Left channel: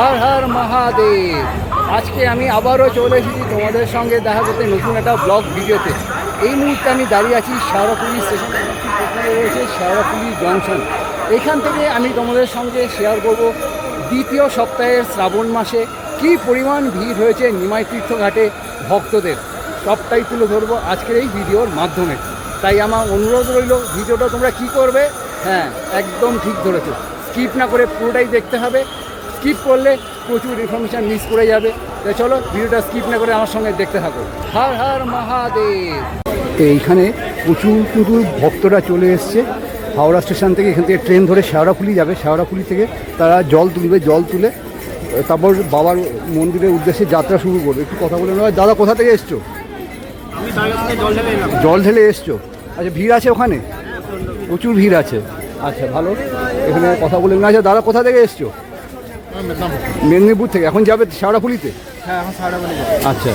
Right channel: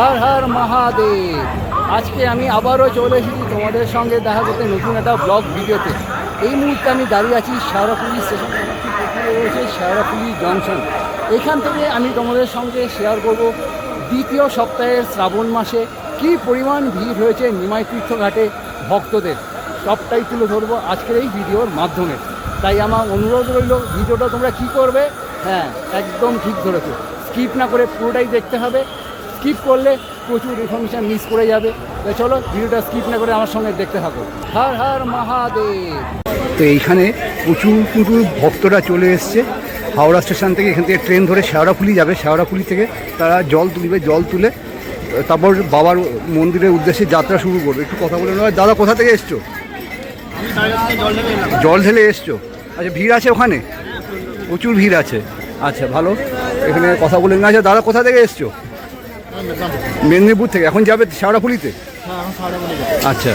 হর হর মহাদেব। আজকে আমি আবারও চলে এসেছি তোমাদের সঙ্গে দেখা করতে নতুন একটা ব্লগ ভিডিওতে। এই মুহূর্তে আমি দাঁড়িয়ে আছি শেওড়াফুলি স্টেশন, আমার ঠিক পেছনে রয়েছে শেওড়াফুলি জংশন। এখান থেকে আমি তোমাদের সঙ্গে শেয়ার করব দ্বিতীয় সপ্তাহের শ্রাবণ মাসে কী পরিমাণ ভিড় হয়েছে নিমাই তীর্থ ঘাটে ভক্তদের, সবটাই তুলে ধরবো আজকের এই ভিডিওর মাধ্যমে। তাই আমার অনুরোধ রইল, ভিডিওটা তোমরা কি করবে, হ্যাঁ একদম ঠিক ধরেছো, স্কিপ না করে পুরোটাই দেখতে হবে। স্কিপ করলে প্রচুর ইনফরমেশান মিস করে যাবে। তো চলো ভিডিওটা স্কিপ না করে আমার সঙ্গে দেখতে থাকো। হর হর মহাদেব। তো এইখানে প্রচুর কিন্তু ভক্তরা চলে এসছে হাওড়া স্টেশন থেকে। এখান থেকে ট্রেন ধরে শেওড়াফুলি যাবে, শেওড়াফুলি থেকে তারা জল তুলবে, জল তুলে তারপর বাবার মন্দিরের উদ্দেশ্যে যাত্রা শুরু করবে। একটু কথা বলে নেওয়া। দাদা কোথা থেকে এসছো? জল ঢেলে এসছো? আচ্ছা, ভিড় আছে ওখানে? প্রচুর ভিড় আছে। আচ্ছা ভালো, এখানে কথা বলে না। আচ্ছা দাদা কোথা থেকে এসছো? মেদিনীপুর থেকে। এখন যাবে শেওড়াফুলিতে? আচ্ছা,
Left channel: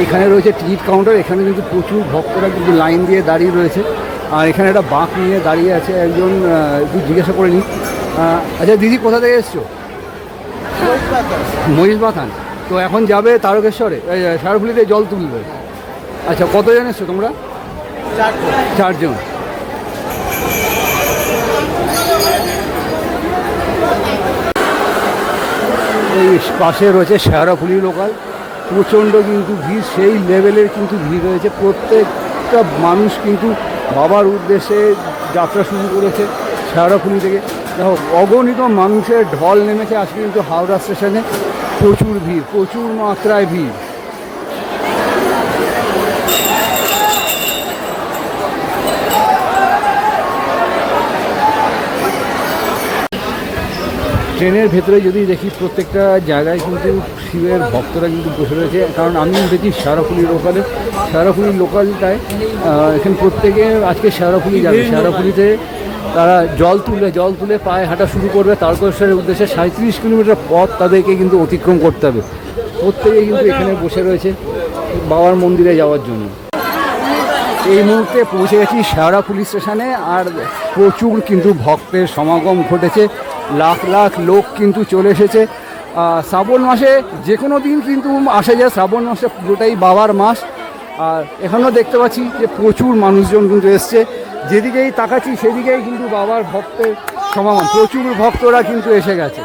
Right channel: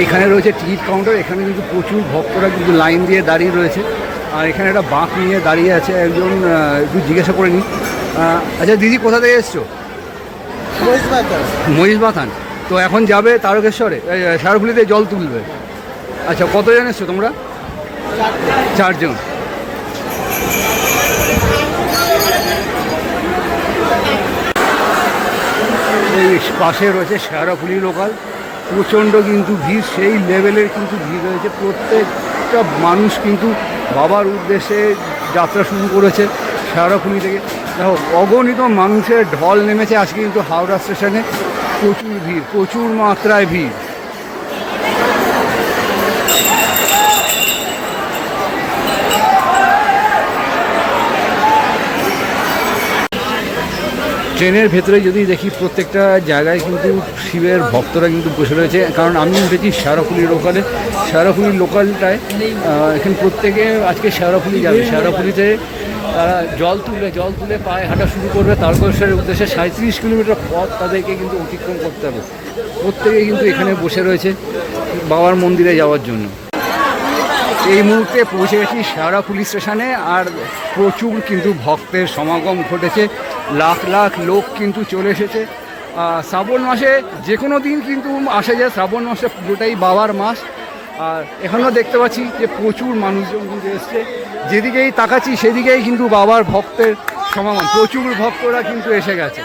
এইখানে রয়েছে টিকিট কাউন্টার। এখানে কিন্তু প্রচুর ভক্তরা কিন্তু লাইন দিয়ে দাঁড়িয়ে রয়েছে। আর এখানে একটা বাঁক নিয়ে দাঁড়িয়ে আছে একজন, একটু জিজ্ঞাসা করে নিই। আচ্ছা দিদি কোথা থেকে এসছো? মহিষবাথান। তো এখন যাবে তারকেশ্বরে, শেওড়াফুলিতে জল তুলবে। আচ্ছা কতজন এসছো তোমরা? 4 জন। এই পাশে রয়েছে শেওড়াফুলি লোকাল। প্রচণ্ড কিন্তু ভিড়, সেই লেভেলের কিন্তু ভিড় রয়েছে। প্রত্যেকটা মানুষ কিন্তু বাবার উদ্দেশ্যে যাত্রা শুরু করেছে শেওড়াফুলি থেকে। দেখো অগণিত মানুষের ঢল নেমেছে আজকে কিন্তু হাওড়া স্টেশনে। প্রচুর ভিড়, প্রচুর মাত্রায় ভিড়। ট্রেনের ভেতরে যদি দেখি প্রত্যেকটা জায়গায় কিন্তু শিবের ভক্তরা কিন্তু বসে রয়েছে। কারণ আমি উঠেছি শেওড়াফুলি লোকালে। শেওড়াফুলি লোকালটায় এখানে প্রত্যেকে আজকে শেওড়াফুলি যাবে। শেওড়াফুলিতে তারা জল তুলে পায়ে হাঁটা শুরু করবে তারকেশ্বরের উদ্দেশ্যে। 37 কিলোমিটার পথ তাদেরকে কিন্তু অতিক্রম করতে হবে। প্রত্যেকে কিন্তু এখানে বসে রয়েছে বাবার মন্দিরে যাওয়ার জন্য। এই মুহূর্তে পৌঁছে গেছি শেওড়াফুলি স্টেশনে। আর প্রচুর কিন্তু ভক্তের সমাগম ঘটেছে, লাখ লাখ লোক কিন্তু চলে এসেছে। শ্রাবণ মাসে যে কোনো দিন কিন্তু আসা যায়, শ্রাবণ মাসে পুরোটাই বাবার মাস। আর এখানেও দেখতে পাচ্ছি যে প্রচুর মানুষজন কিন্তু এসছে। যেদিকেই তাকাচ্ছি সেদিকেই কিন্তু বাবার ভক্তের সমাগম, প্রচুর ভক্তরা কিন্তু এসে গেছে।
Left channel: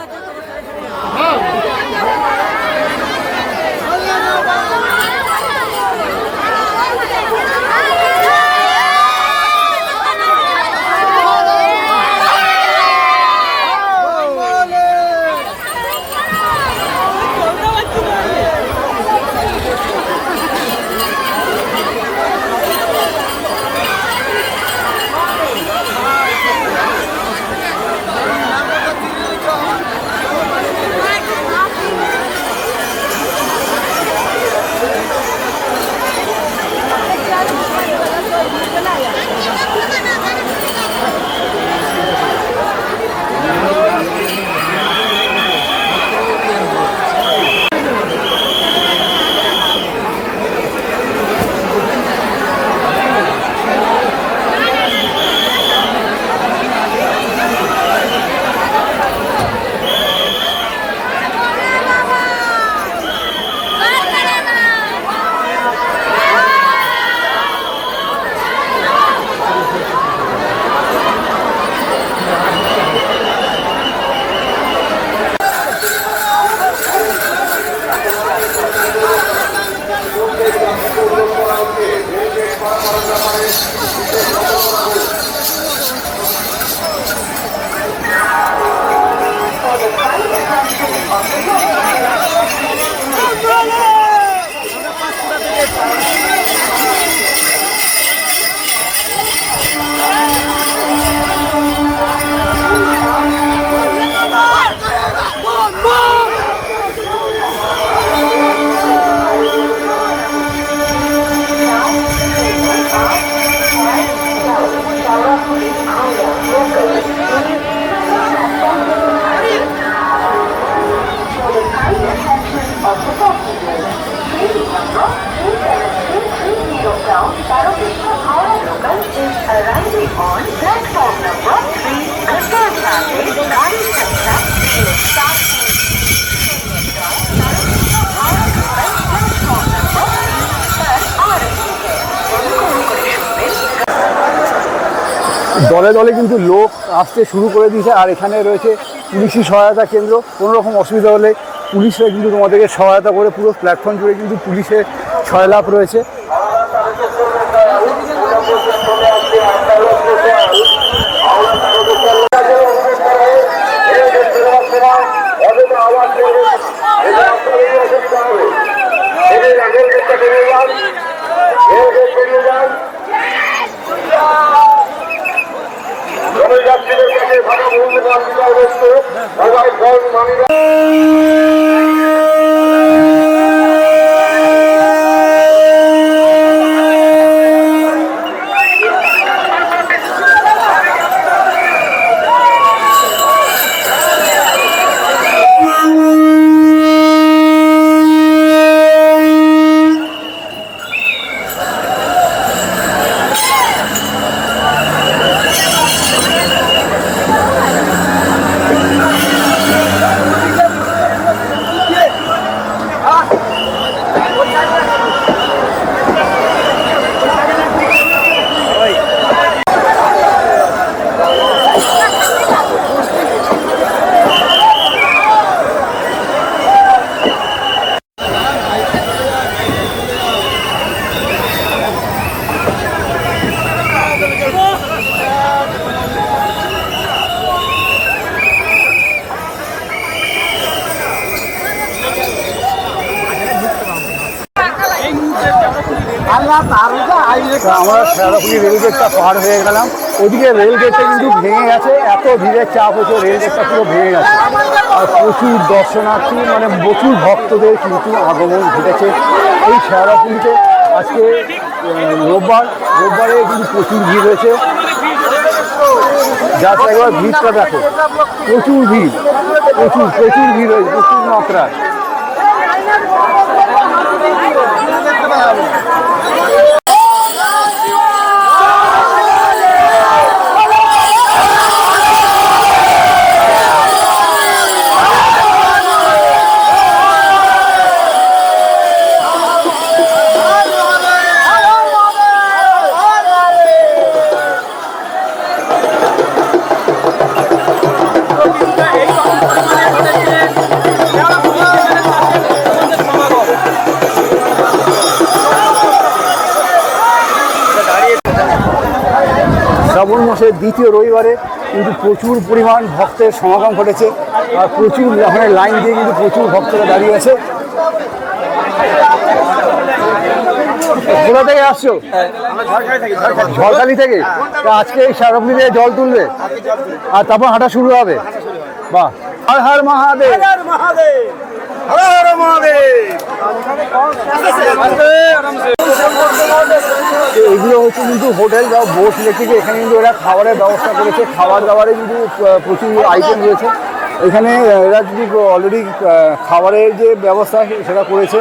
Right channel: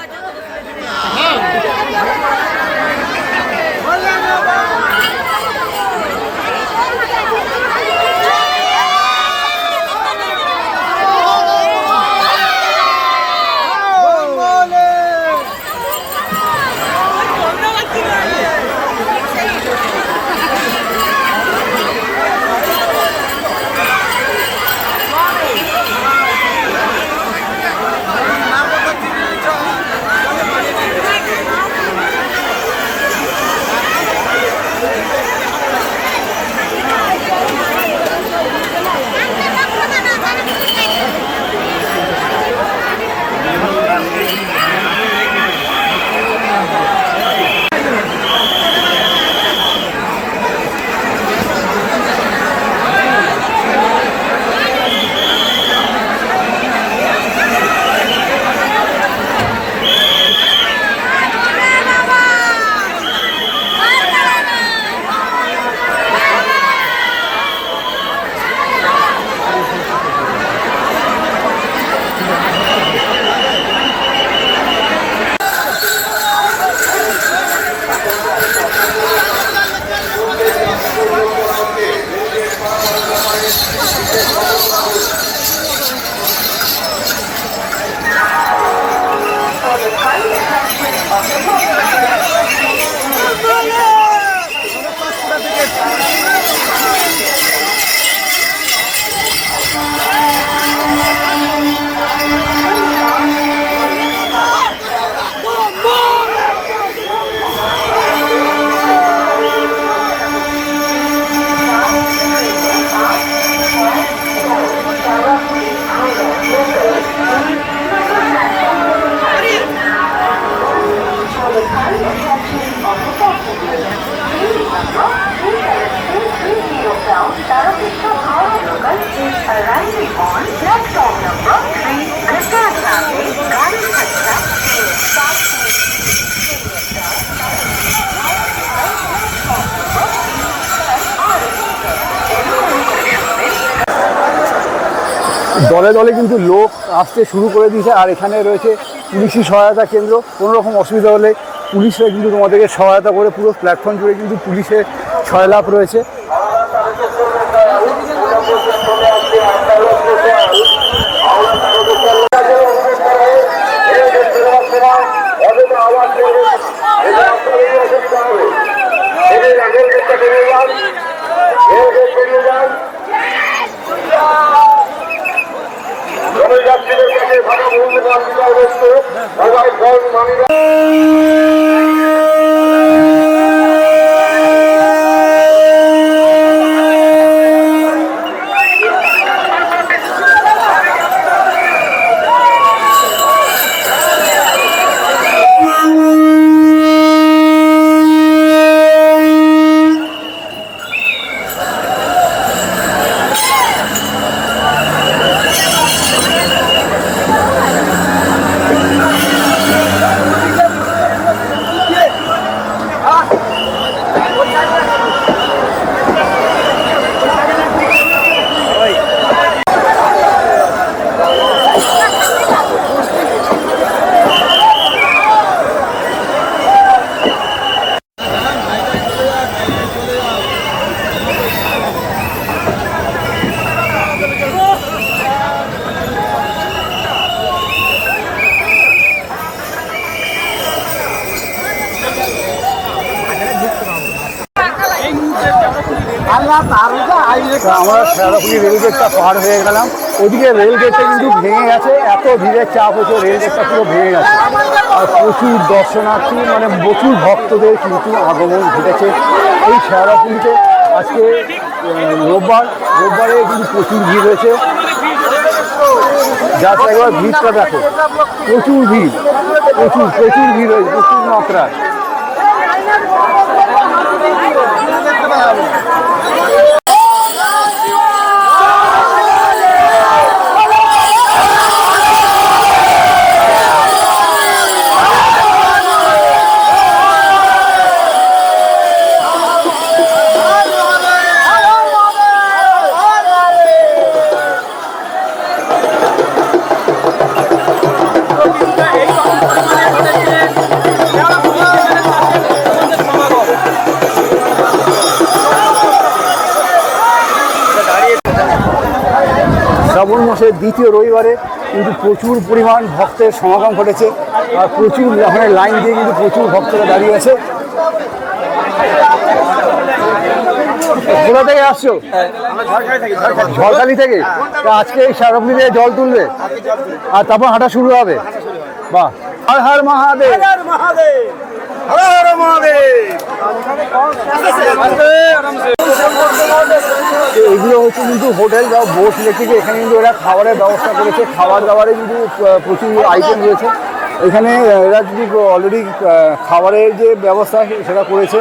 দলে দলে কিন্তু লোক আসতে শুরু করে দিয়েছে, আর এখানে রয়েছে পুলিশি সহায়তা কেন্দ্র। কোনো রকম অসুবিধা হলে পুলিশরা কিন্তু তোমাদেরকে সহায়তা করে, পুরো প্ল্যাটফর্ম জুড়ে কিন্তু পুলিশের ছয়লাভ রয়েছে। যাত্রীদের কাছে ভাড়া মূল্যবান বিষয়বস্তু মোবাইল ফোন মানিব্যাগ আমরা শেওড়াফুলি রেলগেটটা পার হয়ে গেলাম। ওদিকে রেলগেটটা কিন্তু ভেঙে গেছে, এত ভিড়ের চাপ হয়েছে, রেলগেটটা পুরো ভেঙে গেছে। আর প্রচুর দর্শনার্থী, মানে প্রচুর ভক্তদের কিন্তু আগমন ঘটেছে এই শেওড়াফুলিতে। আজকে রোববারে কিন্তু প্রচুর ভিড় হয়েছে। যাতে একবার ভিড়টা দেখো, প্রচুর ভিড়, প্রচুর ভিড় হয়েছে, প্রচুর মাত্রায়। শ্রাবণ মাসের দ্বিতীয় রবিবারে কিন্তু প্রচুর পরিমাণ ভক্তের সমাগম ঘটেছে, আর প্রচুর ওখানে লাইন দিয়ে কিন্তু প্রচুর ভক্তরা দাঁড়িয়ে আছে। কোথা থেকে আসছো? ঝড়খালি থেকে। আজকে এই শেওড়াফুলি থেকে জল তুলবে আর তারপর হাঁটা শুরু হবে। বাহ, হর হর মহাদেব। এগুলো হচ্ছে কিন্তু হোটেল বা বোট ইলেকট্রিক। এখানে কিন্তু এরা খাবারের ব্যবস্থা করেছে, খাবার দাবারে কিন্তু প্রচুর আইটেম রয়েছে এখানে। এরা যদি অলরেডি খাবারের যে ব্যবস্থা সেটা করেছে,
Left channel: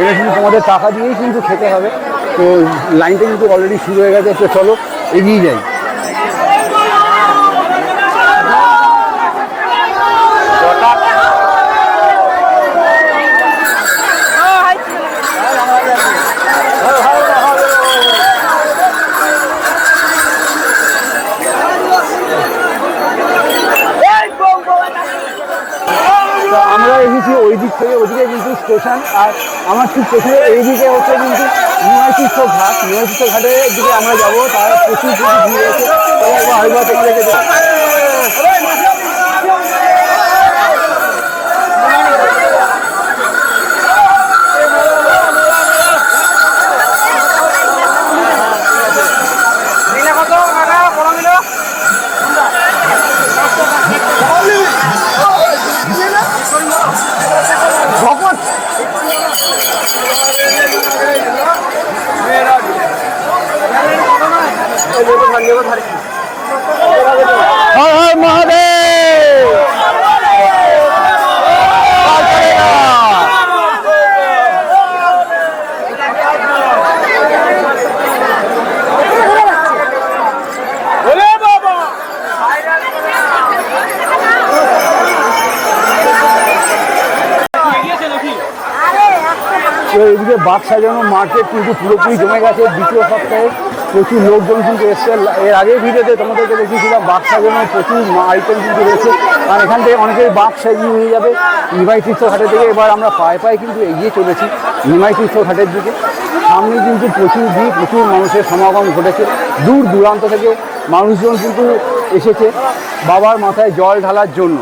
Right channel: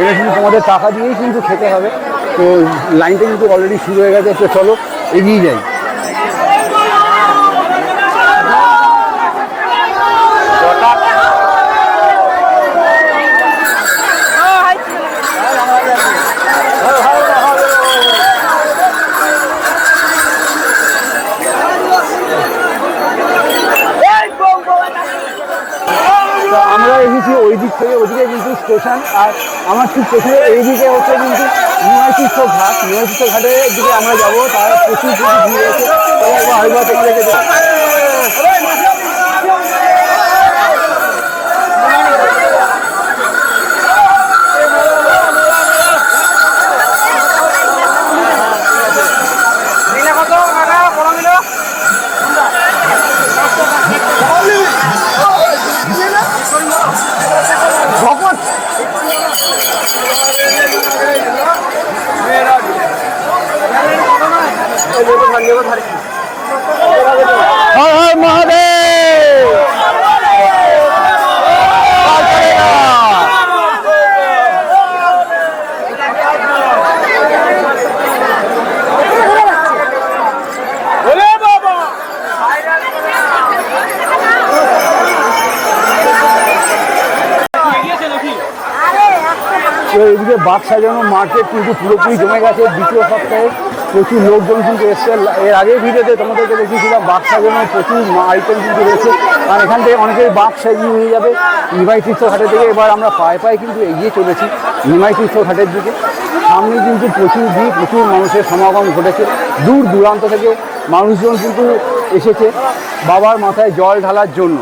এটা কিন্তু তোমাদের টাকা দিয়েই কিন্তু খেতে হবে। তো লাইনটা কিন্তু অলরেডি শুরু হয়ে গেছে। তো চলো এগিয়ে যাই। আমরা এসেছি ওই দিক থেকে, ওইদিকে কিন্তু স্টেশন, আর আমার ঠিক পেছনে এইদিকে হচ্ছে কিন্তু নিমাইতীর্থ ঘাট। নিমাইতীর্থ ঘাটের দিকে আমরা যাবো, তার প্রচুর ভিড় হয়েছে। হয়তো তোমাদেরকে ভগবান তো এদিকে বাঘ সাজানো মার্কেট কিন্তু পুরোপুরি জমে গেছে। দ্বিতীয় সপ্তাহে প্রচুর লোকজন কিন্তু এসছে। এর আগের ভিডিওতে তোমাদেরকে দেখিয়েছিলাম বাঘ সাজানো প্রচুর আইটেম কিন্তু রয়েছে। আর এখান থেকে অনেকেই বাঘ সাজিয়ে নিয়ে যাবে নিমাই তীর্থঘাটের দিকে। এবার আমরা পায়ে পায়ে কিন্তু এগিয়ে চলেছি নিমাই তীর্থঘাটের দিকে। সামনে কিন্তু প্রচুর ভিড়, প্রচুর মানুষের সমাগম ঘটেছে। দূর দূরান্ত থেকে মানুষজন কিন্তু এসেছে বাবার মাথায় জল ঢালার জন্য।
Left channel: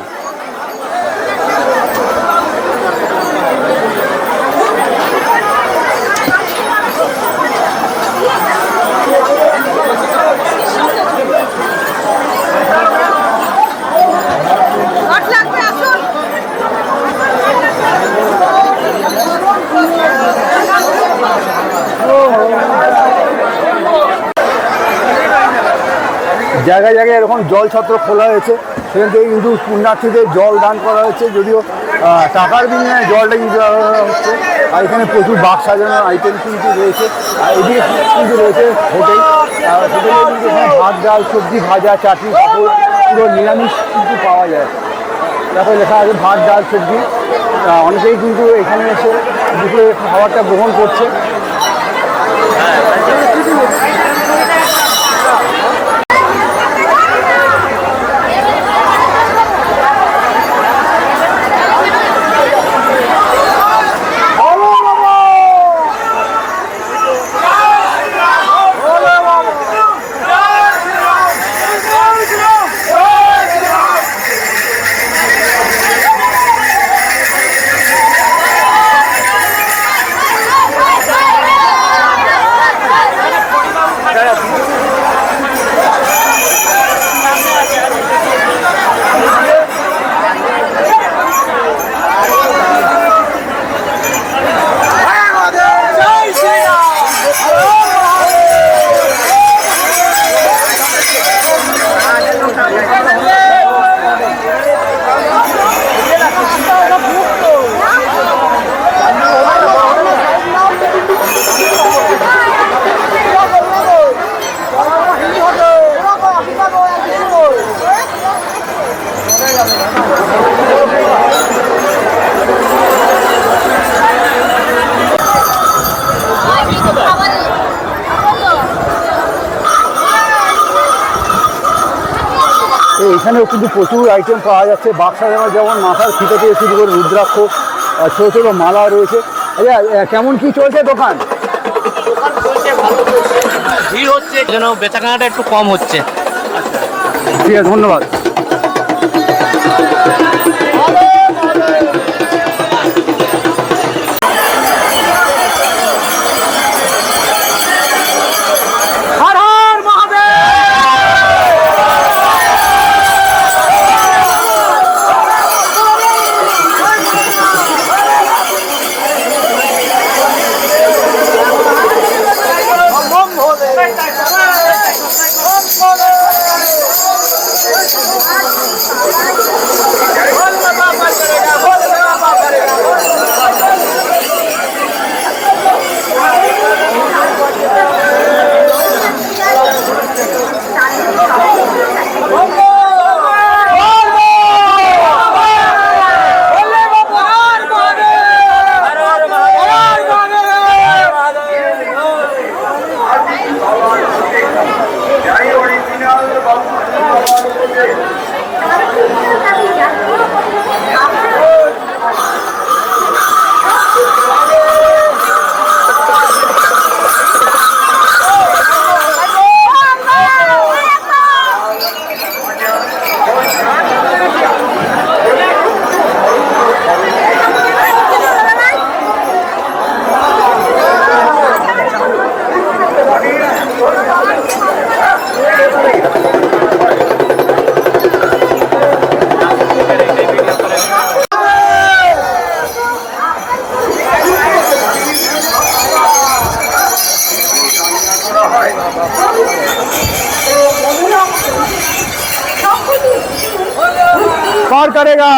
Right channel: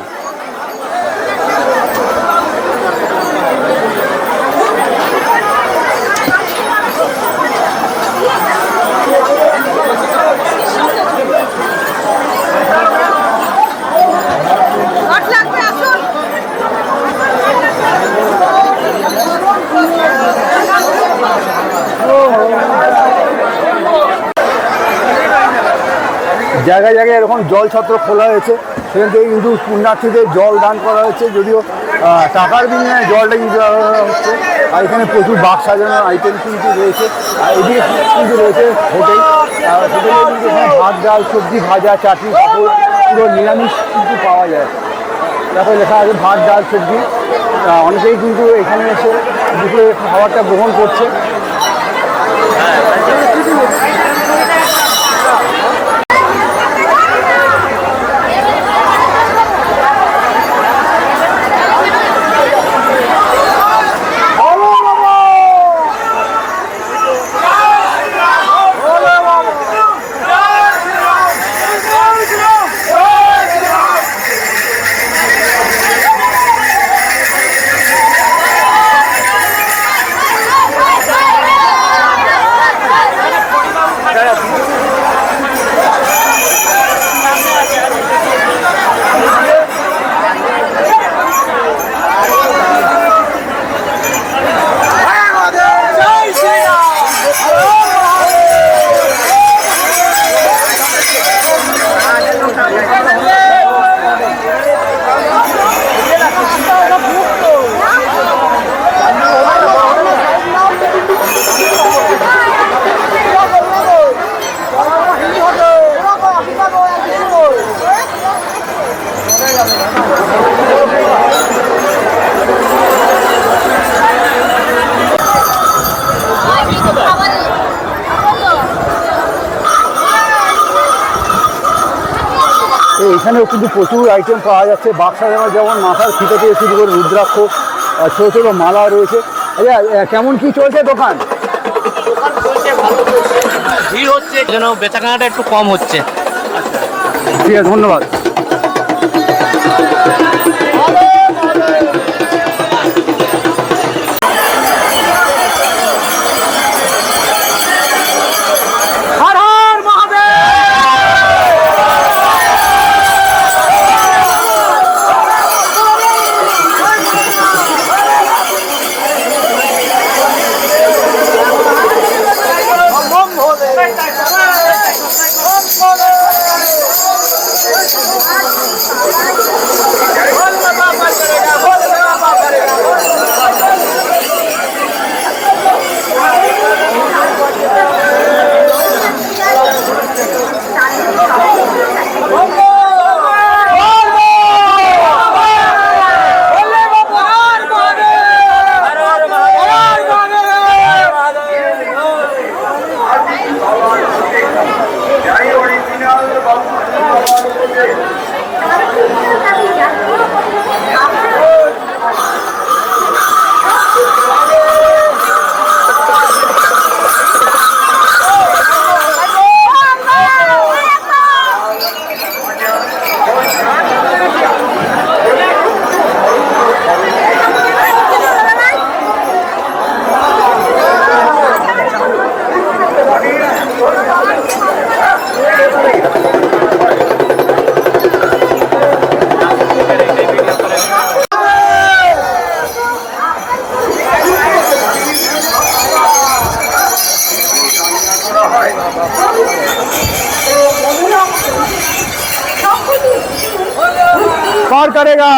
জায়গায় জায়গায় এরকম জল ছত্র খোলা হয়েছে, সেখান থেকে কিন্তু পুণ্যার্থীদের জল দান করা হচ্ছে। যদিও টাকার বিনিময়ে জলটা কিন্তু হচ্ছে। আর এখানে প্রচুর বাঘ সাজানোর আইটেম কিন্তু রয়েছে। আর এদিকে কিন্তু রয়েছে হোটেল। হোটেলে কিন্তু এখানে ভাত, ডাল, সবজি, ভাজা, চাটনি, পাঁপড় পুরো নিরামিষ কিন্তু পাওয়া যায়। তারপরে লেখা আছে ভাত, ডাল, সবজি। অনেকেই কিন্তু এখানে এসে দুপুরে খাবারটা গ্রহণ করছে। এখানেও কিন্তু প্রচুর আইটেম পাওয়া যাচ্ছে। বাঘ সাজানো যেমন মাথার ফিতে থেকে শুরু করে রুদ্রাক্ষ, ছোটো ছোটো মালা রয়েছে। আচ্ছা, কেমন কি চলছে দোকান? ভিড় হচ্ছে, যেন বেচাকেনাটা একটু কম হচ্ছে। ঠিক আছে, ধন্যবাদ। पार करेगा।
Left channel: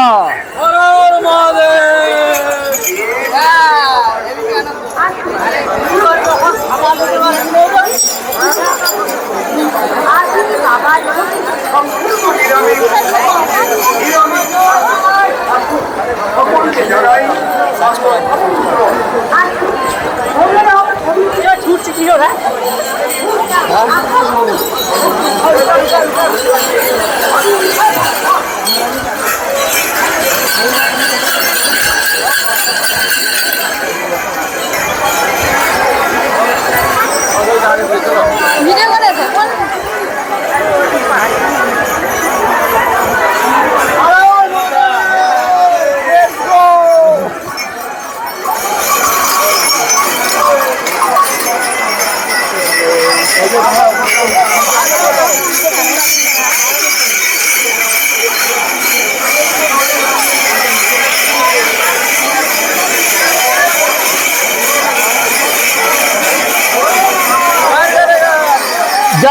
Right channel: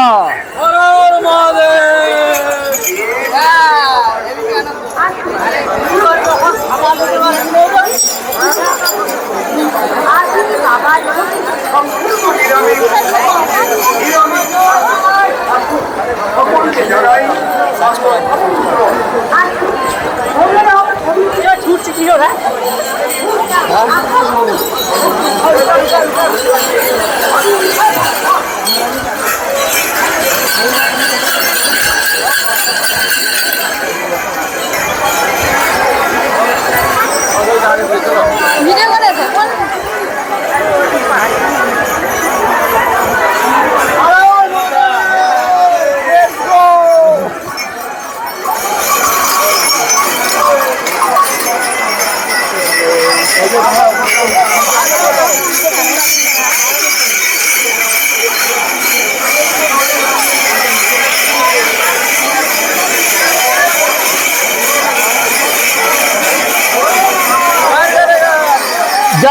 সকলকে জানাই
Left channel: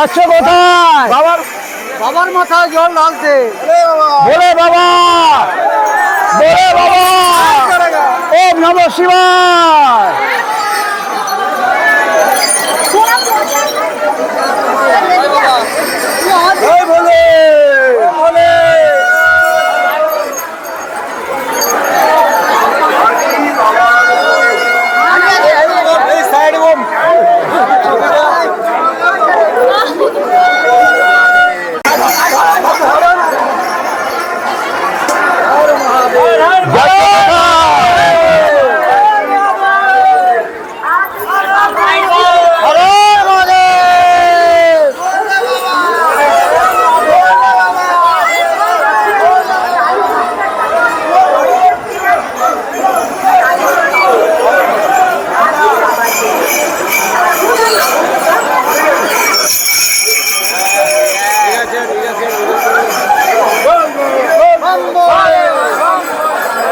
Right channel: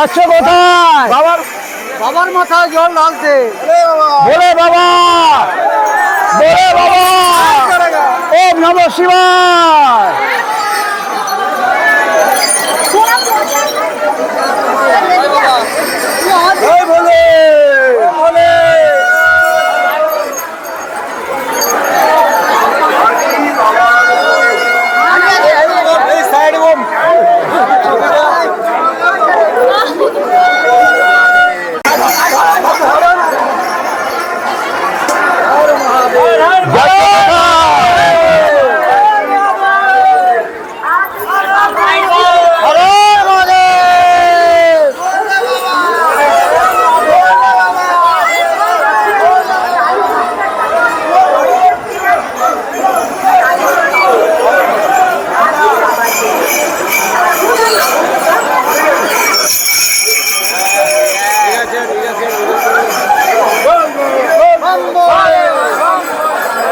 যাচ্ছে কোথায়? বাবার মাথায় জল ঢালতে। বলে বাবা, বলে বাবা, ওম নমঃ শিবায়। এই বলে বলে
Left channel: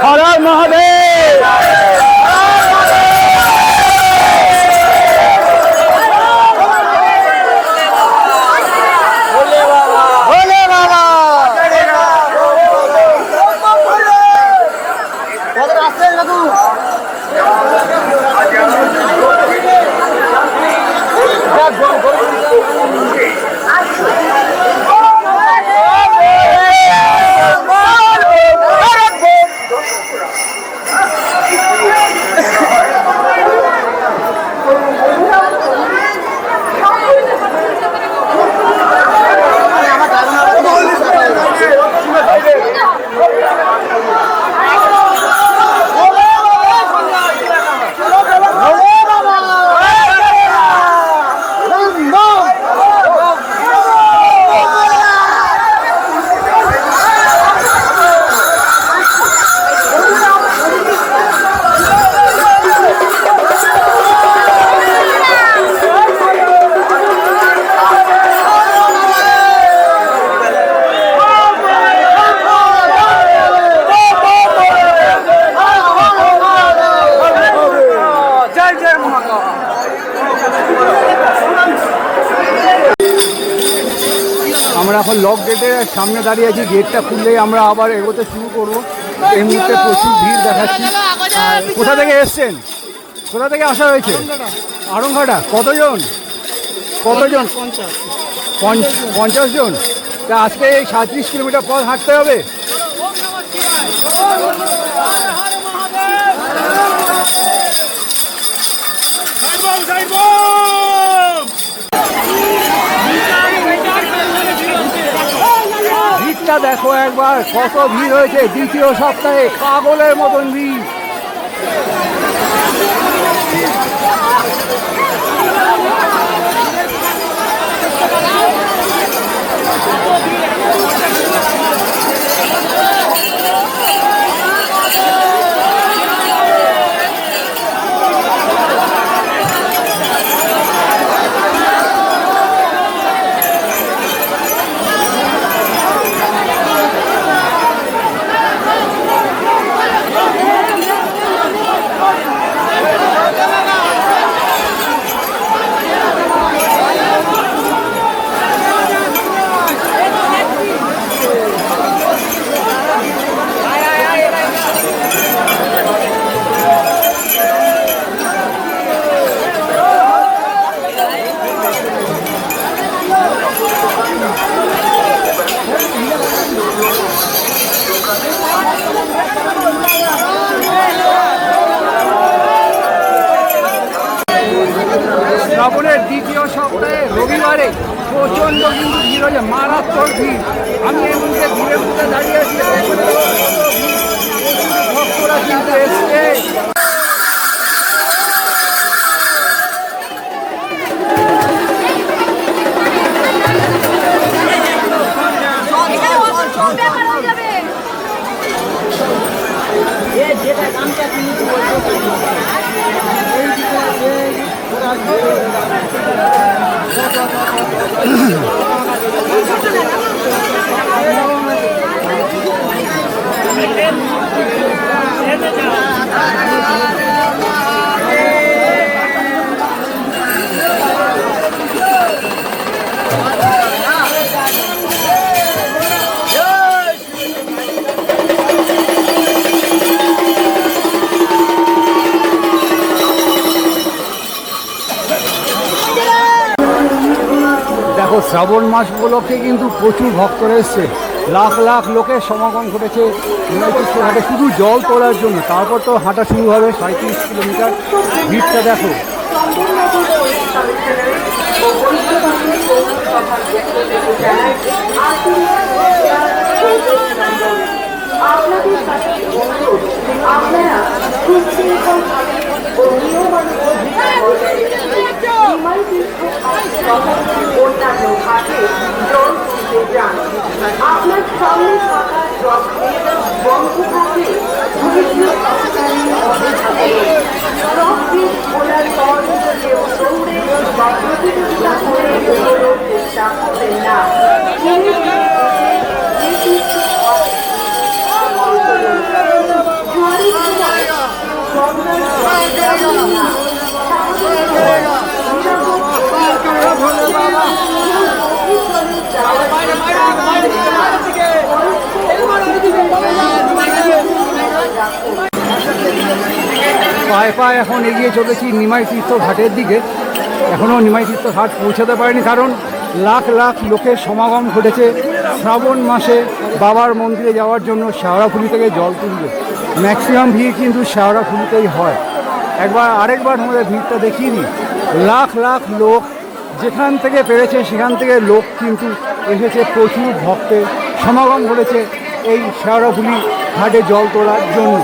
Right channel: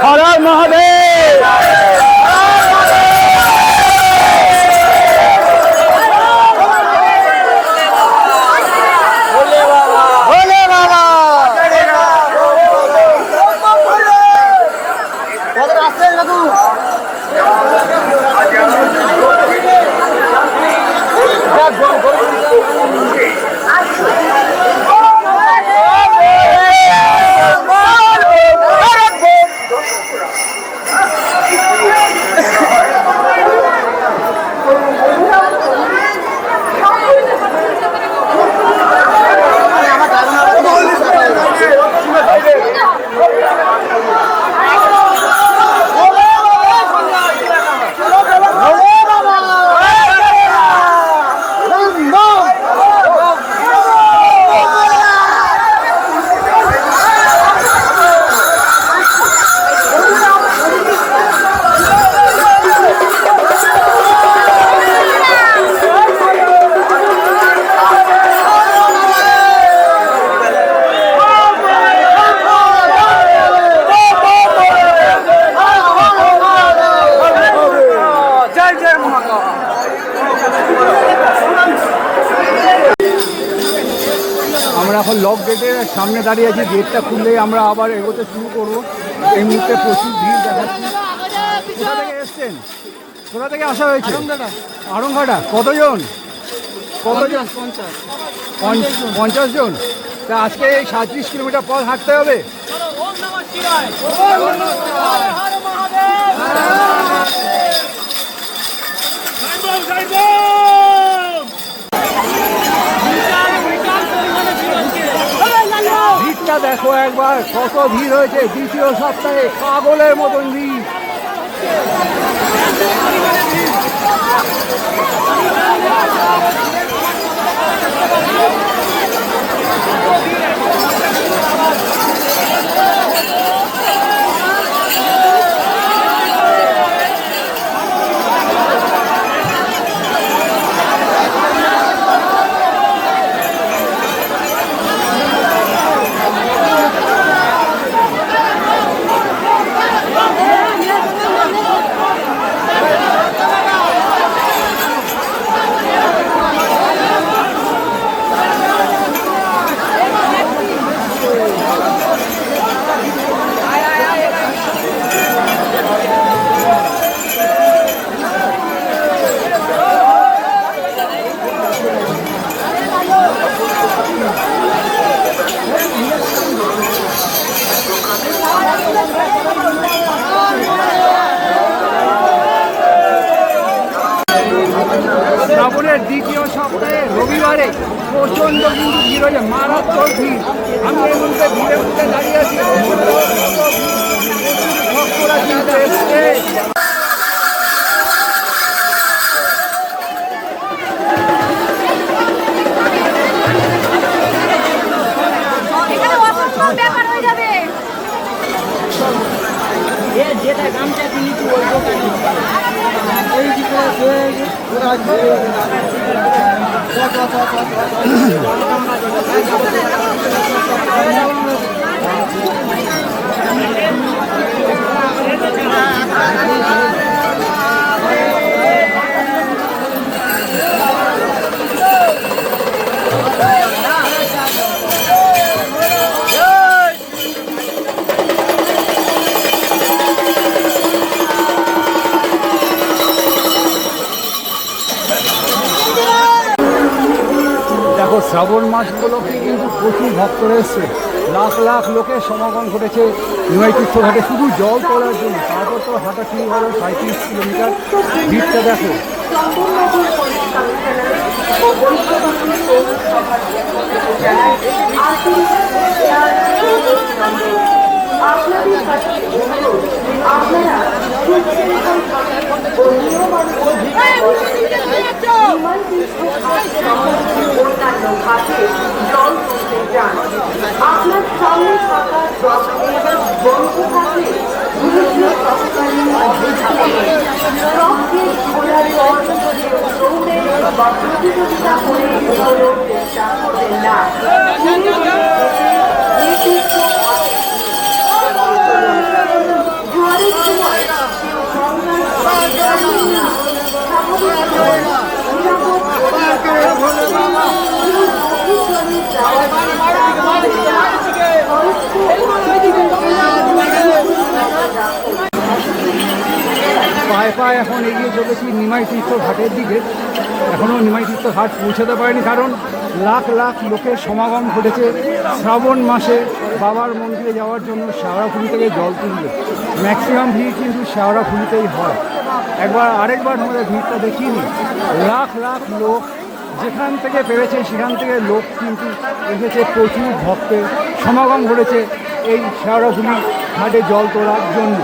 হর হর মহাদেব। ভোলে বাবা। আমরা এখন লক গেটের সামনে দাঁড়িয়ে আছি। গেটটা খুললেই আমরা আবার এগোতে শুরু করব। এই মুহূর্তে প্রচুর ভিড় দেখাচ্ছি। কোথা থেকে এসছেন? কোথা থেকে আসা হয়েছে? আড়ংঘাটা। কতজন? কতজন? 50 জন। তা আজকে এই 37 কিলোমিটার পথ হাঁটতে হবে। ভিড়টা দেখো একবার, কত ভিড় হয়েছে দ্বিতীয় সপ্তাহে, পাগলের মতন ভিড়। শ্রাবণের দ্বিতীয় সপ্তাহে রবিবারে প্রচণ্ড কিন্তু ভিড় হয়েছে, মারাত্মক ভিড়। আমি এই মুহূর্তে ভিড়ের মধ্যে দাঁড়িয়ে আছি। ভক্তরা কিন্তু এসছে। দেখো শ্রাবণ মাস উপলক্ষে কিন্তু প্রচুর ভক্তরা এসছে, লাখ লাখ লোকের সমাগম ঘটেছে নিমাই তীর্থ ঘাটে শুধু জল তোলার জন্য। তারপর তো হাঁটা শুরু হবে 37 কিলোমিটার। ভিড়টা দেখো। পায়ে পায়ে এখন এগিয়ে চলেছি নিমাই তীর্থ ঘাটের দিকে। এখনও নিমাই তীর্থ ঘাট পৌঁছাতে পারেনি, কারণ লাখ লাখ লোকের সমাগম ঘটেছে শ্রাবণ মাসে বাবার মন্দিরে যাওয়ার জন্য শেওড়াফুলি থেকে জল তুলবে। ম্যাক্সিমাম ভিড় কিন্তু শেওড়াফুলিতেই হয়। আরেকবার আমাদের ভিড়টা দেখিয়ে নিই। লাখ লাখ লোক যেখান থেকে পেরেছে সেখান থেকে লোক কিন্তু এসেছে, প্রচুর ভক্তের সমাগম ঘটেছে এই শেওড়াফুলি ঘাটে জল তোলার জন্য।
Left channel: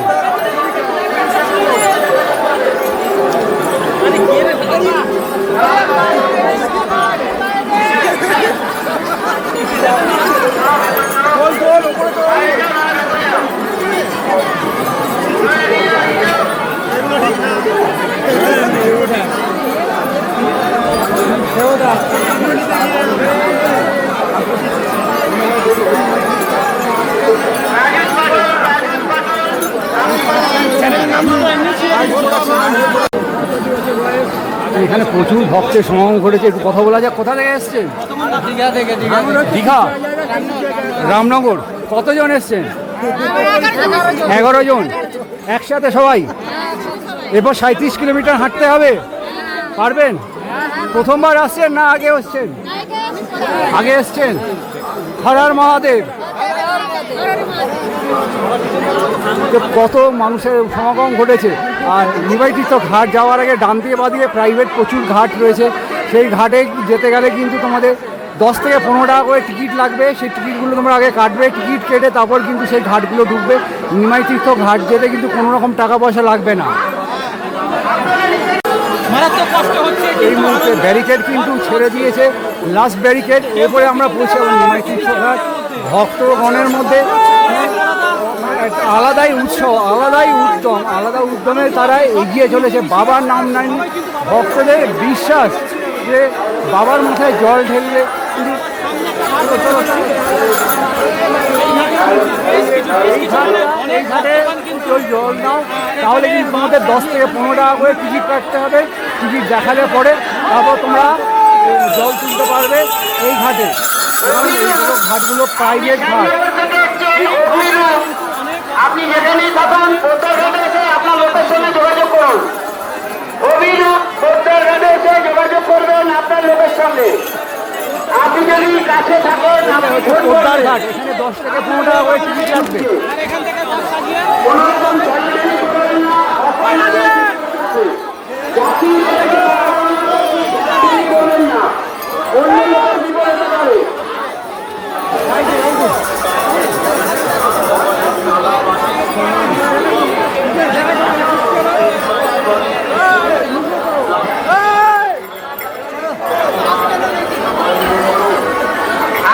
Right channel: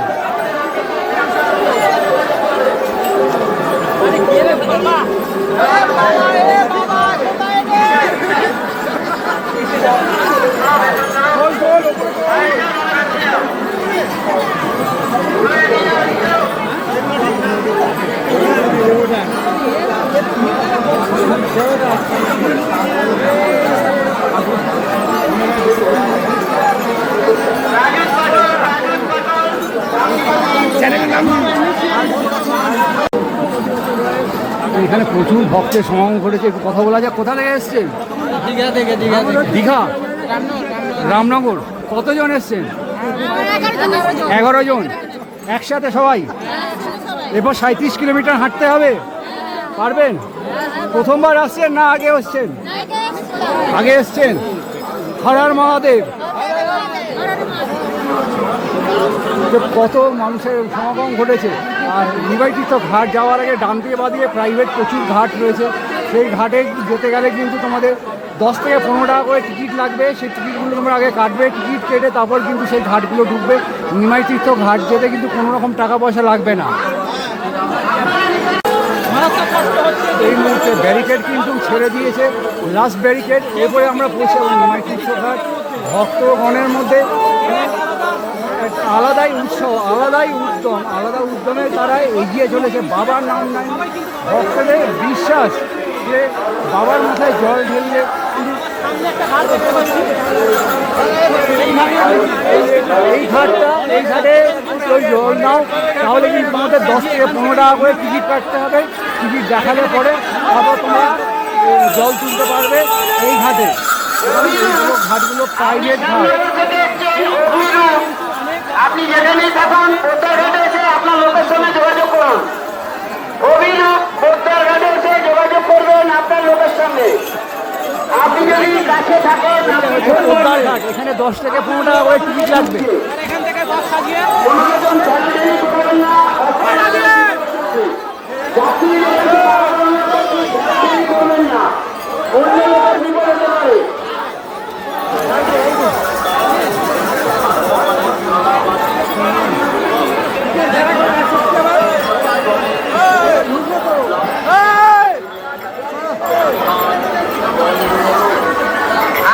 এখানে প্রচুর ভক্তের সমাগম ঘটেছে। একটু কথা বলা যাক। কোথা থেকে এসছেন? দীঘা থেকে। দীঘা, রামনগর। কতজন এসছেন? 11 জন একসাথে সবাই। এরপর 37 কিলোমিটার হাঁটতে হবে, পারবেন? প্রথমবার আসছেন না আগে এসছেন? আগে এসছেন। হর হর মহাদেব। কত মানুষের সমাগম ঘটেছে। আর নিমাই তীর্থ ঘাট যাওয়ার আগে ডান দিকে বাঁ দিকে প্রাইভেট প্রচুর ঘাট রয়েছে। সেই ঘাটে যেতে গেলে কিন্তু তোমাদের 10 থেকে 15 টাকা করে টিকিট লাগবে। সেই টিকিটগুলো তোমরা আগে কাটবে, টিকিট কেটে তারপর কিন্তু সেই ঘাটগুলো ঢুকবে। নিমাই তীর্থ ঘাট যেতে কিন্তু কোনো রকম টাকা পয়সা লাগবে না। এই মুহূর্তে ব্যারিকেড কিন্তু ছেড়ে দিয়েছে, লাস্ট ব্যারিকেড। এরপরে আমরা পৌঁছাবো নিমাই তীর্থ ঘাট। ভক্তগণের মধ্যে আলাদাই উৎসব, আলাদাই উদ্যম, আলাদা উদ্যমে তারা এগিয়ে চলেছে। বাবার নাম নাই, ভক্তদের বিশ্বাস যে বাবার মাথায় জল ঢেললে এই ঘাটে ওই জল নাও, তাহলে কিন্তু তোমাদের 10 থেকে 15 টাকা করে টিকিট কাটতে হবে। টিকিট দেখালে পরে তারপর তোমরা জল তুলতে পারবে এই ঘাটে। এইগুলো ঘাটগুলো প্রাইভেট ঘাট। আপনি যেখানেই থাকুন পোদ্দার ঘাটে এসে আপনার লোকের সঙ্গে যোগাযোগ করুন। অভিরূপ পোদ্দার ঘাটে এসে যোগাযোগ করবেন আপনার লোকের সঙ্গে। আপনি যদি কাছে থাকেন, এটা হচ্ছে পোদ্দার ঘাট। এখানে 10 থেকে 15 টাকা করে টিকিট লাগবে। কোনো রকম ঝামেলা করবেন না, করবেন না, অন্যরা বিপদে পড়বে।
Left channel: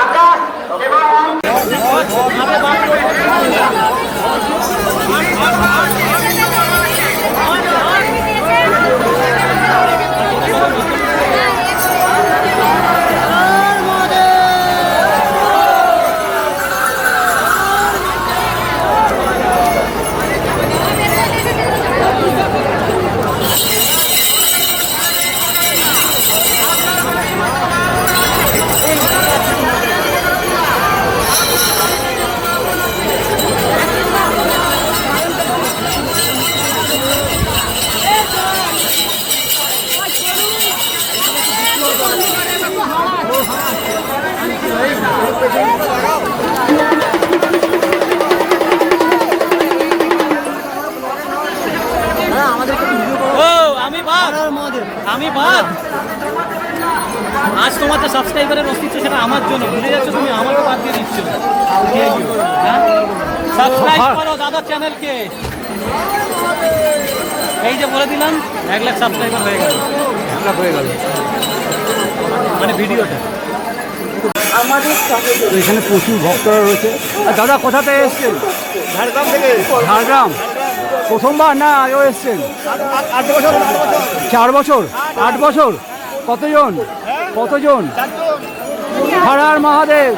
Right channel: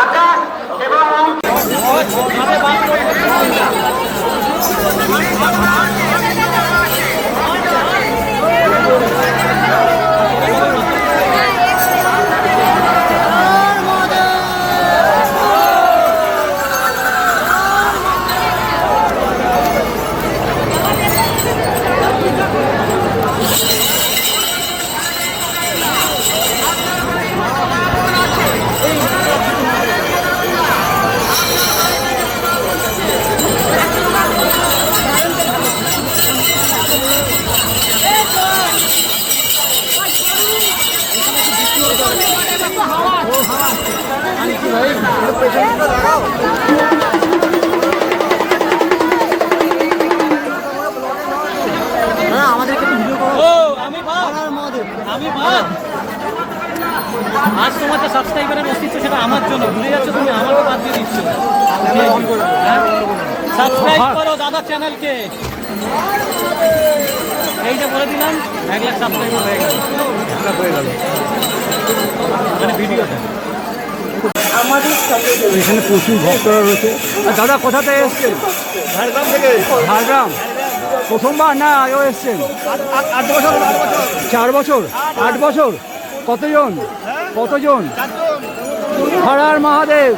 আকাশ এবং আমি বাদ আজ তোমার যে সাবস্ক্রাইবারের অস্তিত্ব সেটা আমার জন্য ভুলে যাচ্ছ তুমি, আমাকে বাদ দিয়ে দিচ্ছ। হ্যাঁ, সাবস্ক্রাইব করো দাদা চ্যানেলকে। এই যে বলে দিলাম 1 লাখ সাবস্ক্রাইবার হয়ে গেল। মানে ভিডিওতে তো এখানে প্রচুর ভক্তরা রয়েছে। আর দাদা কোথা থেকে এসছেন? ঝাড়গ্রাম থেকে। ঝাড়গ্রাম প্রথমবার না আগেও এসছেন? 8 বছর 4 বছর 8 বছর। কতজন? কতজন? হর হর মহাদেব।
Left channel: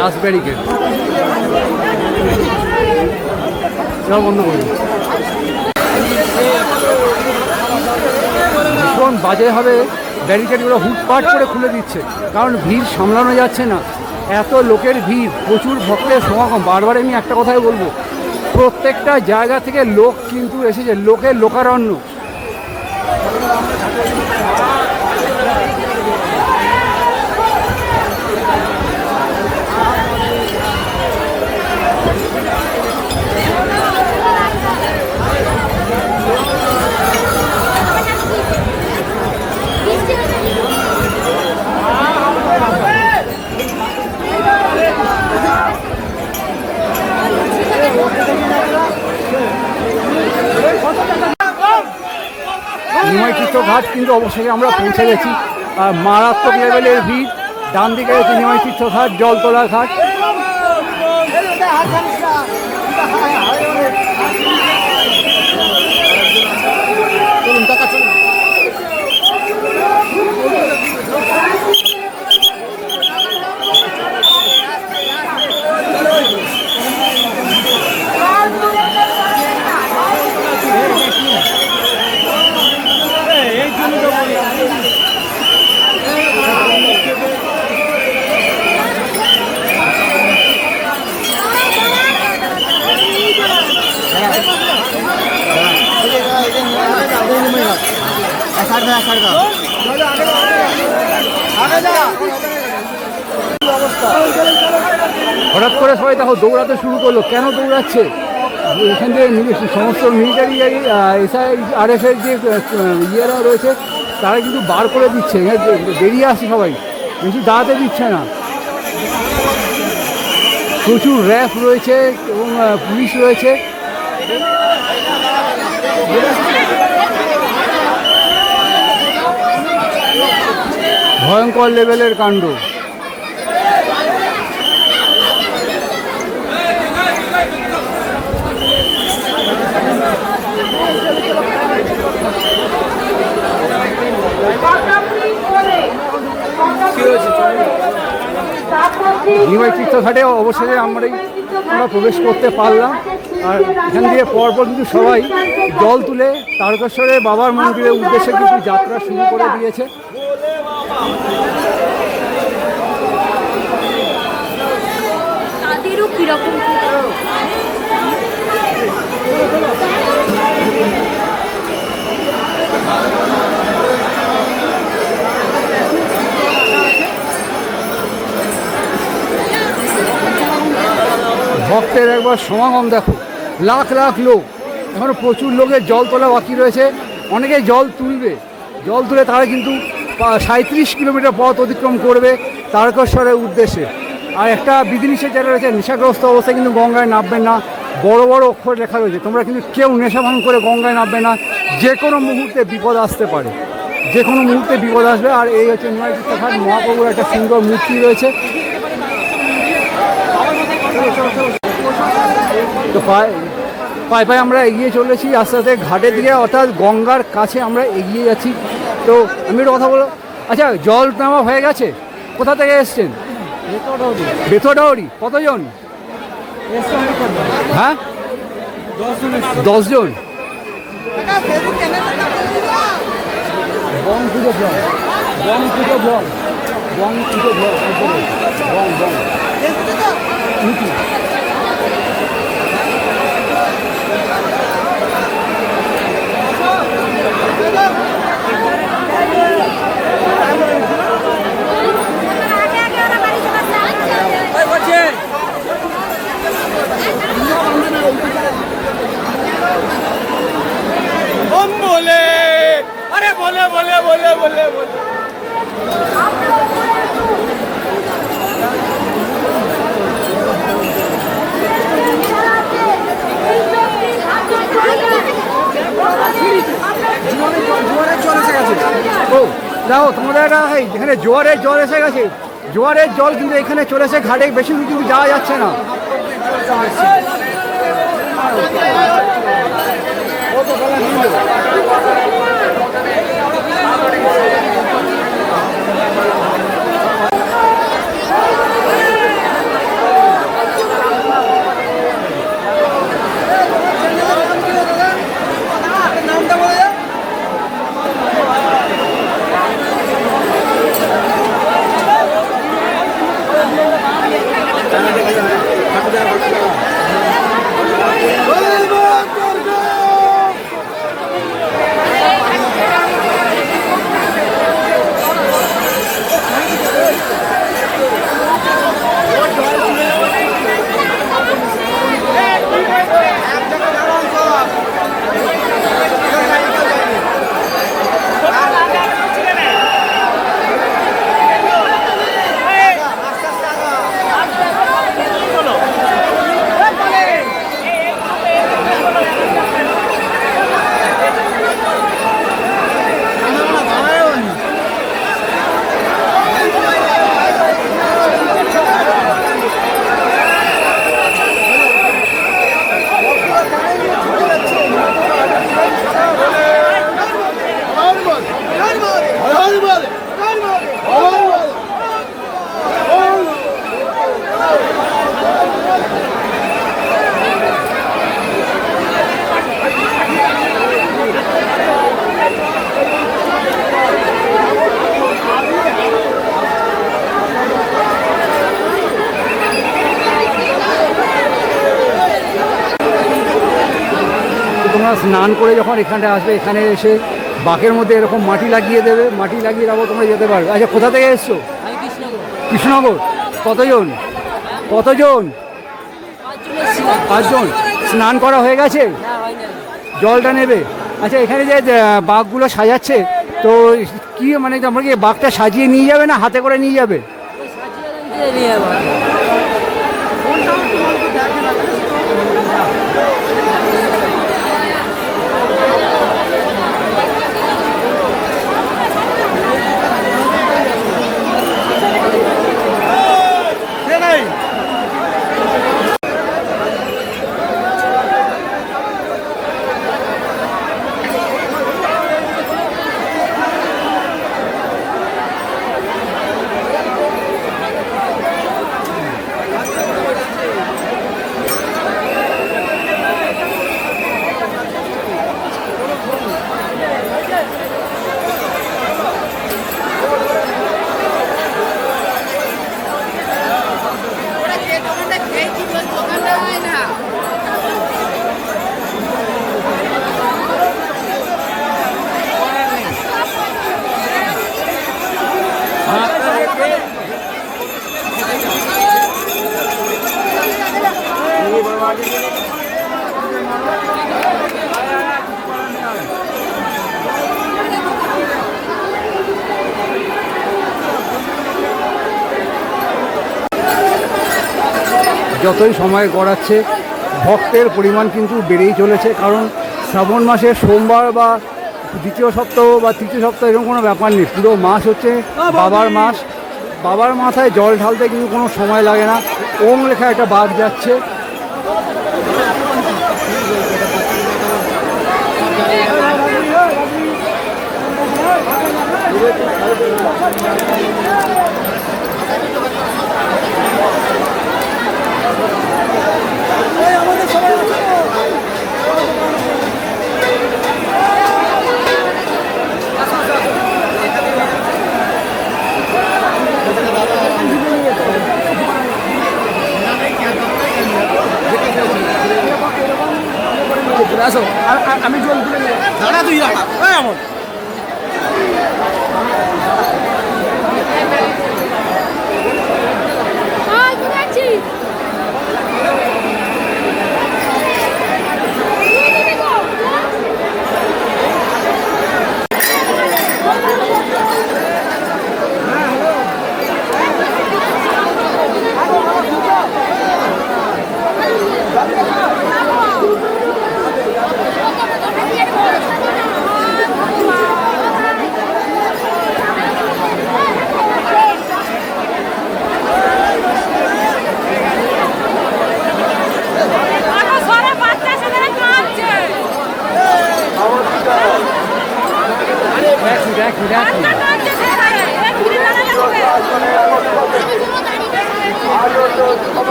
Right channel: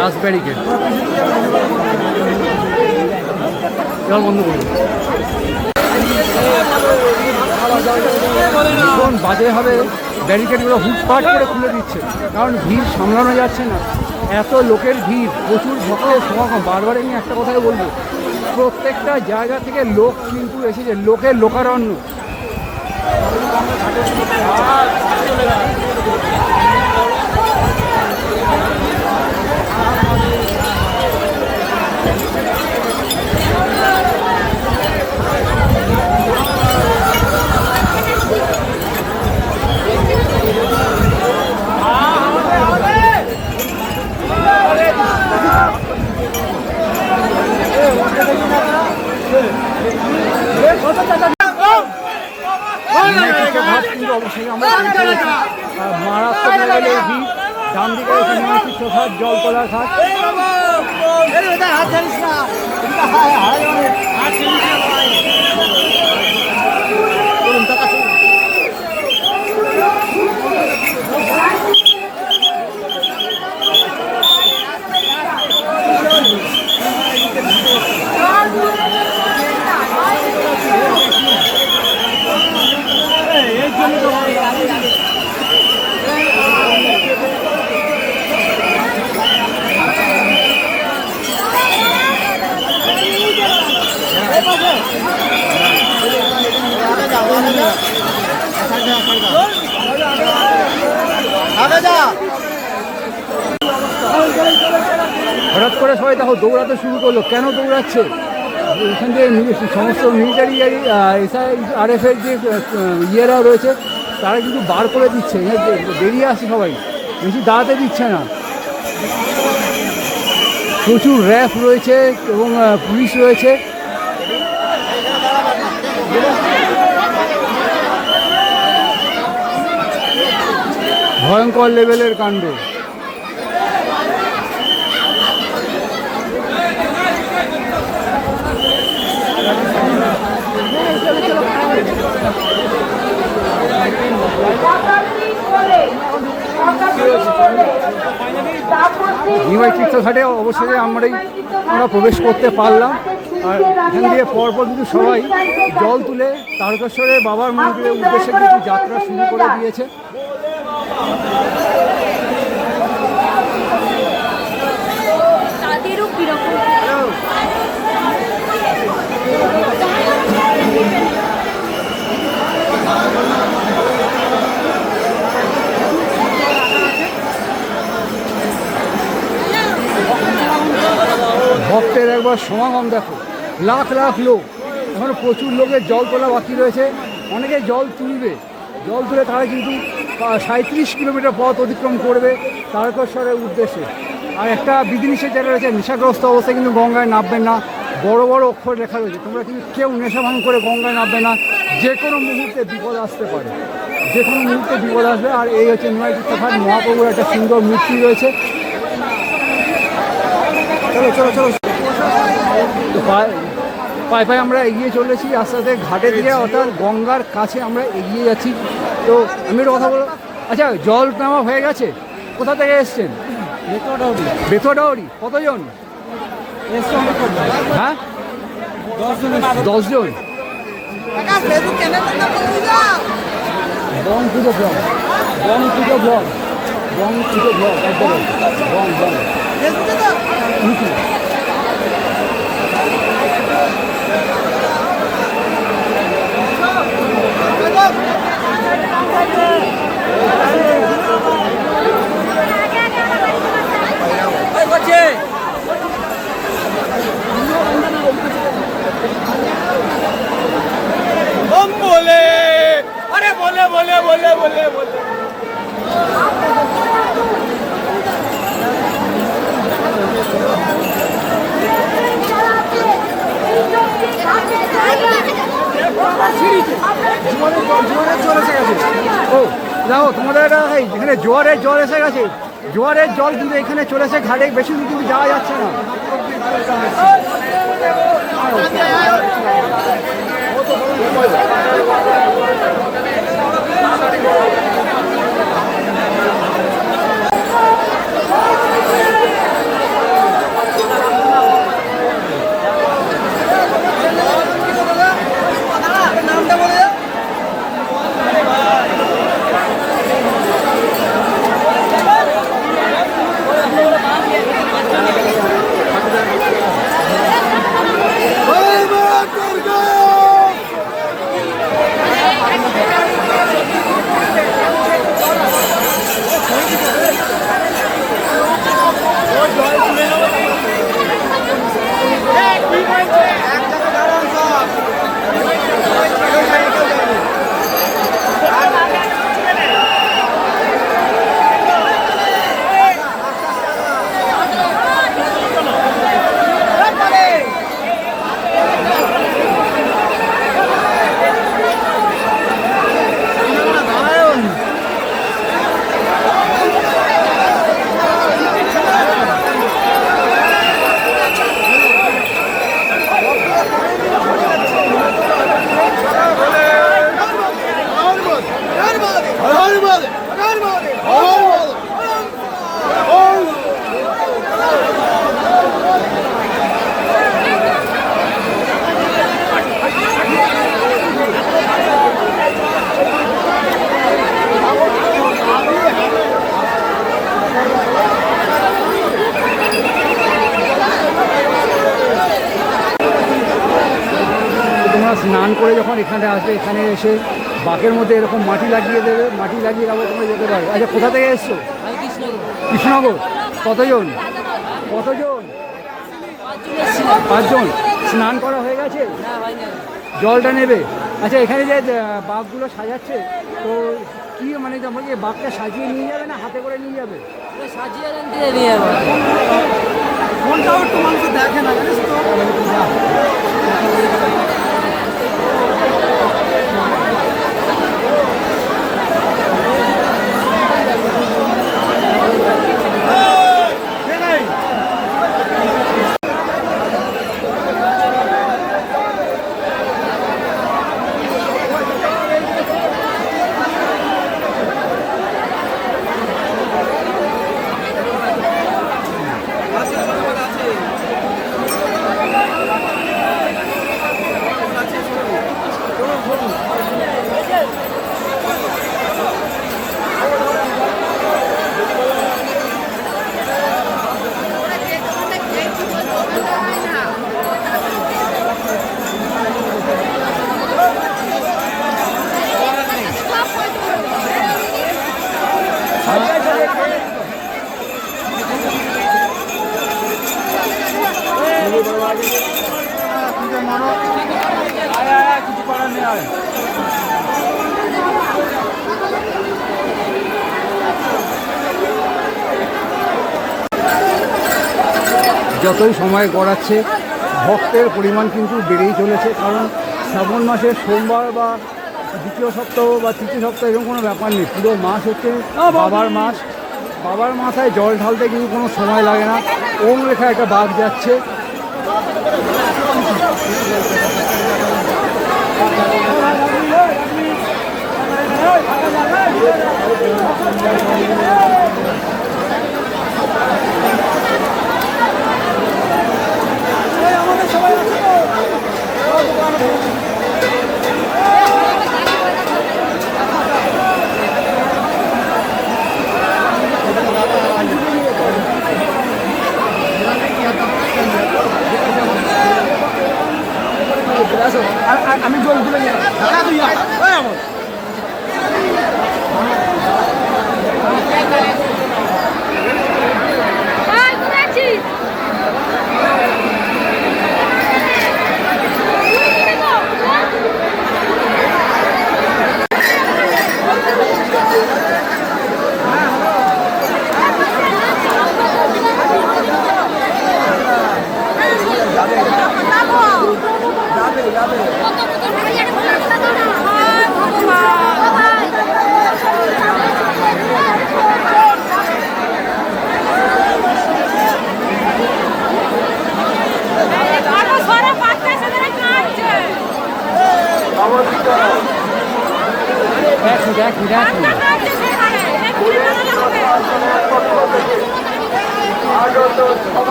লাস্ট ব্যারিকেড এবার বন্ধ করুন। ভীষণ বাজে হবে, ব্যারিকেডগুলো হুটপাট করে খুলে দিচ্ছে, কারণ ভিড় সামলানো যাচ্ছে না। এত লোকের ভিড়, প্রচুর ভক্তের সমাগম। বারবার আমি একটা কথাই বলবো, প্রত্যেকটা জায়গা থেকে লোক কিন্তু এসেছে, লোকের লোকারণ্য। নিমাইতীর্থ ঘাট কিন্তু অবশ্যই আমরা পৌঁছে গেছি। আর মারাত্মক লেভেলের ভিড়। ডান দিকে রয়েছে নিমাইতীর্থ ঘাট, জলতলা ঘাট। হঠাৎ করে সবাই দেখো দৌড়াতে শুরু করলো। কেন দৌড়াচ্ছে? এখান থেকে সমস্ত মিলিটারি SIRF-এর যে ইয়েরা রয়েছে তারা কিন্তু বার করে দিচ্ছে, বেরিয়ে আসছে সবাই, বেশি দাঁড়াতে দিচ্ছে না। প্রচুর র্যাফ রয়েছে এবং পুলিশ রয়েছে। ভয়ঙ্কর লেভেলের কাণ্ড। নিমাইতীর্থ ঘাটে অবশ্যই আমরা প্রবেশ করতে পারলাম। আর এখান থেকে পরপর কিন্তু সবাই জল তুলে তারকেশ্বরের বাবার মন্দিরের উদ্দেশ্যে কিন্তু যাত্রা শুরু করে দিয়েছে। ভক্তের একবার সমাগম দেখো, লাখ লাখ লোক। এখনো প্রচুর লোকের জল তোলা বাকি রয়েছে। অনেকে জল তুলবে, জল তুলে তারা কিন্তু 37 কিলোমিটার পথ অতিক্রম করবে তারকেশ্বরের উদ্দেশ্যে। আর একটা বিধিনিষেধ যেটা রয়েছে, নেশাগ্রস্ত অবস্থায় কিন্তু গঙ্গায় নামবেন না। বড় বড় অক্ষর লেখা রয়েছে, তোমরা কিন্তু কেউ নেশা ভাঙ করে গঙ্গায় নামবে না, যে কোনো মুহূর্তে বিপদ আসতে পারে। যে কোনো মুহূর্তে বিপদ আসবে। আর এই হচ্ছে নিমাই তীর্থঘাট মহাপ্রভুর একটা সুন্দর মূর্তি রয়েছে। তো পায়ে পায়ে আমরা এগিয়ে চলেছি আস্তে আস্তে ঘাটের দিকে, অর্থাৎ গঙ্গার কাছে আমরা এগিয়ে যাচ্ছি। তো আমি একটা কথা বলো, আচ্ছা জল নেওয়া হয়ে গেছে? কোথা থেকে এসছেন? বেথরডাউরি। কতজন? হ্যাঁ 10 জন। বং পুজো ব্লগ, বং পুজো ব্লগ, বং পুজো ব্লগ, একদম বং বং ইউটিউব। बोले अरे बोले बोले बोले बोले बोले ও যাও তোমাদের এখানে জোয়ারের জল এসে গেছে। জোয়ারের জল কিন্তু এখানে চলেছে ঘাটে, বেশি কিন্তু যাওয়া যাচ্ছে না। তোমরা স্নান করে যখন এখানে আসবে, এখানে এসে বাঁকের মধ্যে এরকম মাটি লাগিয়ে দেবে, মাটি লাগিয়ে যাবো, তোমরা যেতে পারো। আচ্ছা কোথা থেকে এসছো? কৃষ্ণনগর। কতজন? কতজন? 5 জন। স্নান করা হয়ে গেছে? জলটা নেবে? আচ্ছা এখানে যে বাঘগুলো সাজাচ্ছে, তো কি মানে তোমরা কি বাঘটা সাজিয়ে নিয়ে যাবে না হাতে করে নিয়ে যাবে? যতই সময় গড়াচ্ছে ভক্তের পরিমাণ কিন্তু বেড়েই চলেছে, কারণ শ্রাবণ মাসে সোমবার বা দ্বিতীয় সপ্তাহ বা তৃতীয় সপ্তাহ এরকম কোনো ব্যাপার নেই, পুরো মাস হচ্ছে বাবার মাস। বাবার মাথায় জল ঢালতে কিন্তু কোনো সময় লাগে না। ওম লেখা একটা বাঘ যাচ্ছে। আমি জল তুলে দেখি।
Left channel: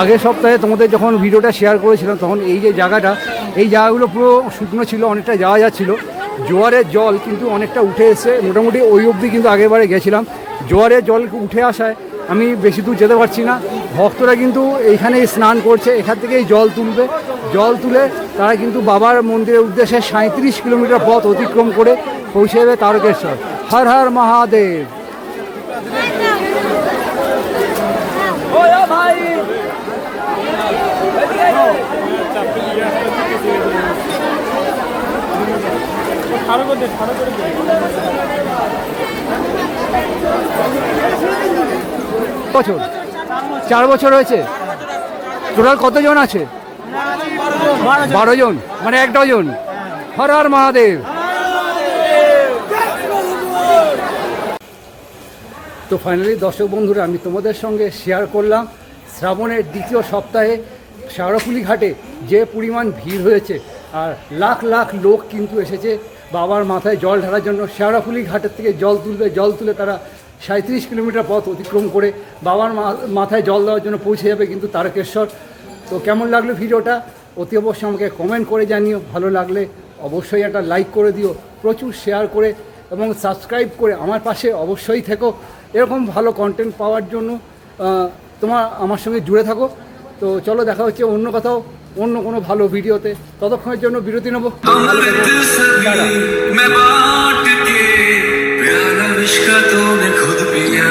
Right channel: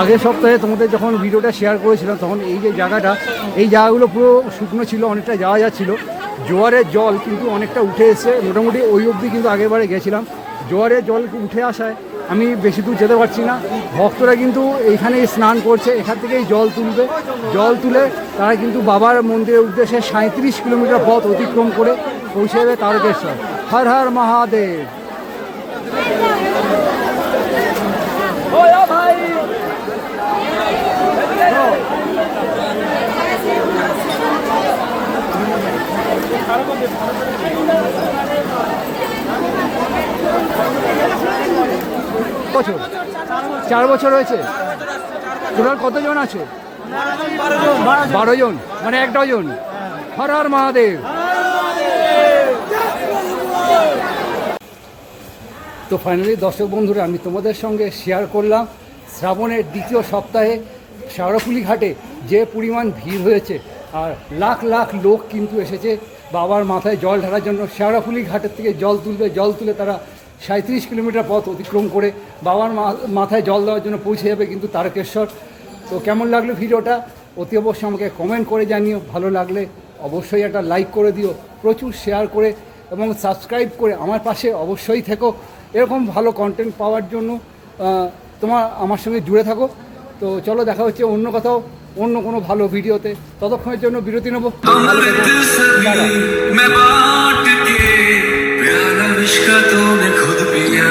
আগের সপ্তাহে তোমাদের যখন ভিডিওটা শেয়ার করেছিলাম তখন এই যে জায়গাটা, এই জায়গাগুলো পুরো শুকনো ছিল, অনেকটা যাওয়া যাচ্ছিল। জোয়ারের জল কিন্তু অনেকটা উঠে এসে মোটামুটি ওই অবধি কিন্তু আগেরবারে গেছিলাম। জোয়ারের জল উঠে আসায় আমি বেশি দূর যেতে পারছি না। ভক্তরা কিন্তু এইখানেই স্নান করছে, এখান থেকেই জল তুলবে। জল তুলে তারা কিন্তু বাবার মন্দিরের উদ্দেশ্যে 37 কিলোমিটার পথ অতিক্রম করে পৌঁছে যাবে তারকেশ্বর। হর হর মহাদেব। ভাই বছর 4 বছর হয়েছে। টোটাল কতজন আছে? 12 জন, মানে 1 ডজন। হর হর মহাদেব। তো ফাইনালি দর্শক বন্ধুরা, আমি তোমাদের সঙ্গে শেয়ার করলাম শ্রাবণের দ্বিতীয় সপ্তাহে শেওড়াফুলি ঘাটে যে পরিমাণ ভিড় হয়েছে, আর লাখ লাখ লোক কিন্তু এসেছে বাবার মাথায় জল ঢালার জন্য। শেওড়াফুলি ঘাটের থেকে জল তুলবে, জল তুলে তারা 37 কিলোমিটার পথ অতিক্রম করে বাবার মাথায় জল দেওয়ার জন্য পৌঁছে যাবে কিন্তু তারকেশ্বর। তো কেমন লাগলো ভিডিওটা অতি অবশ্যই আমাকে কমেন্ট করে জানিও। ভালো লাগলে অবশ্যই একটা লাইক করে দিও, প্রচুর শেয়ার করে এবং সাবস্ক্রাইব করে আমার পাশে অবশ্যই থেকো। এরকম ভালো কন্টেন্ট পাওয়ার জন্য আমার সঙ্গে জুড়ে থাকো। তো চলো, দেখা হচ্ছে অন্য কোথাও অন্য কোনো ভালো ভিডিওতে। ততক্ষণের জন্য বিরতি নেবো। मैं बांट के प्यारा विश्व का तूने खुद पिया।